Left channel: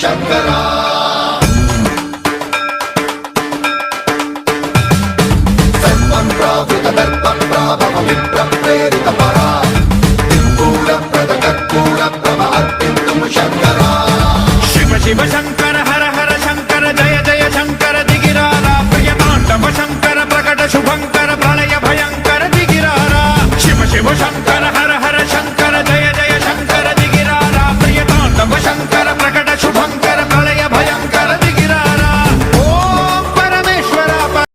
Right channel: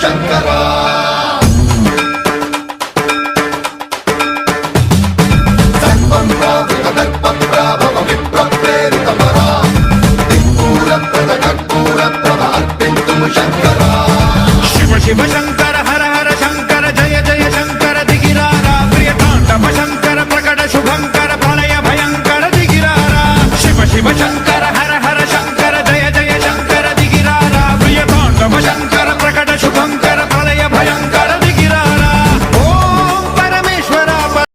శంకరా సర్వం ప్రావృత దర్ప ప్రాభవ విప్ర ప్రేరిత పరా దిక్పూర ప్రద కర్పూర ప్రభ అర్పింతుము శంకరా శివ శివ శంకర హర హర శంకర జయ జయ శంకర దిగిరారా ప్రియ తాండవ శంకర ప్రకట శుభంకర ప్రళయ భయంకర దిగిరారా శివ శివ శంకర